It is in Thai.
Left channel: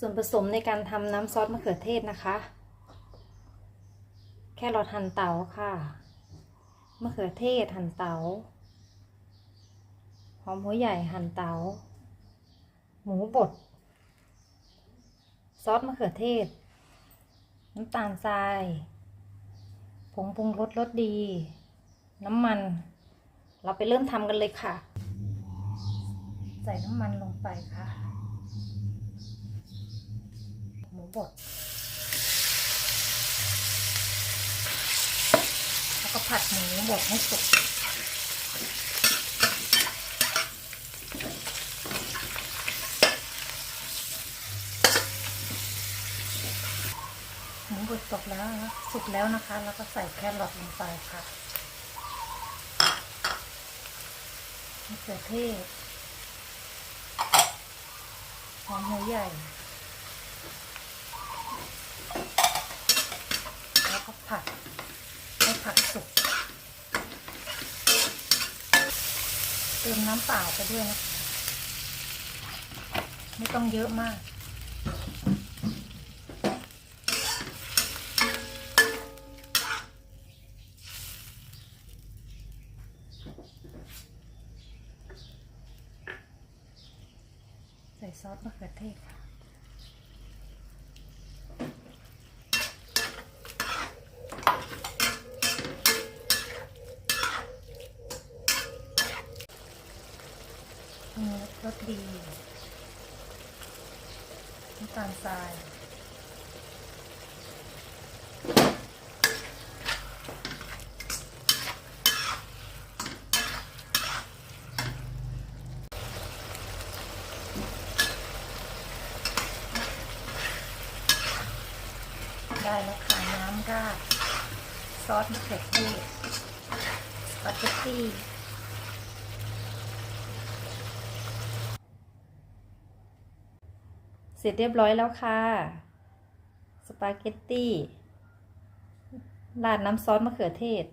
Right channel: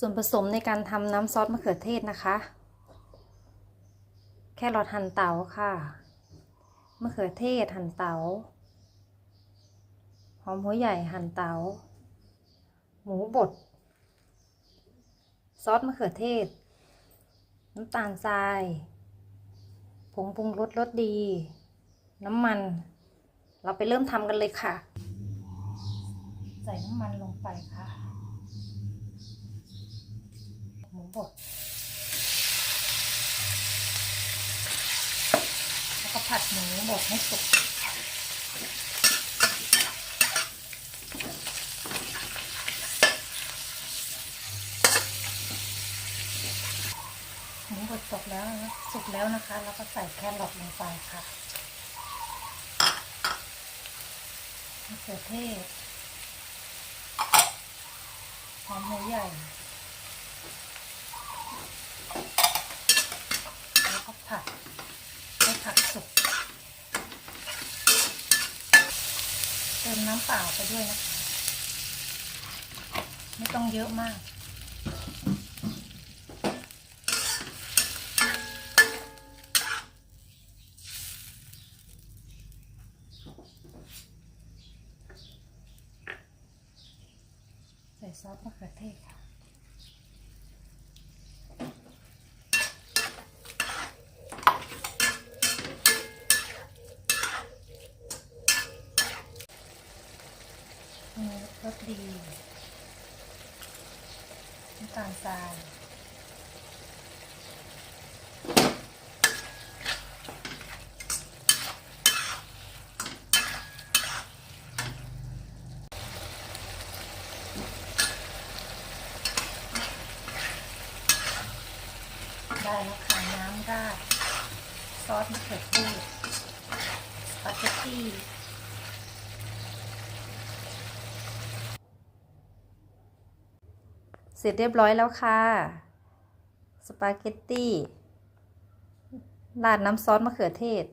ส่วนผสมในการทำน้ำซอสมะเขือเทศนะคะ แค่รอหั่นเตาค่ะ มะเขือเทศหั่นเตา หอมหัวใหญ่หั่นเตา หมูบด ซอสมะเขือเทศ น้ำตาลทราย ผงปรุงรสรสดี น้ำมัน เราไปเริ่มทำกันเลยค่ะ ใส่น้ำมันลงไปค่ะ หมูบดแล้วก็ผัดหมูบดให้สุกหมูบดสุกแล้วนะสุกแล้วนะคะ แล้วก็ใส่แครอทลงไปค่ะมะเขือเทศหอมหัวใหญ่ แล้วก็ผัดให้ผัดสุก เติมน้ำเปล่าไปด้วยนะคะไม่ต้องเยอะมากใส่ซอสมะเขือเทศค่ะ รสดีน้ำตาลทรายได้แล้วค่ะน้ำราดซอสมะเขือเทศสปาเกตตี้ เสร็จเรียบร้อยแล้วค่ะ สปาเกตตี้ ราดน้ำซอสมะเขือเทศ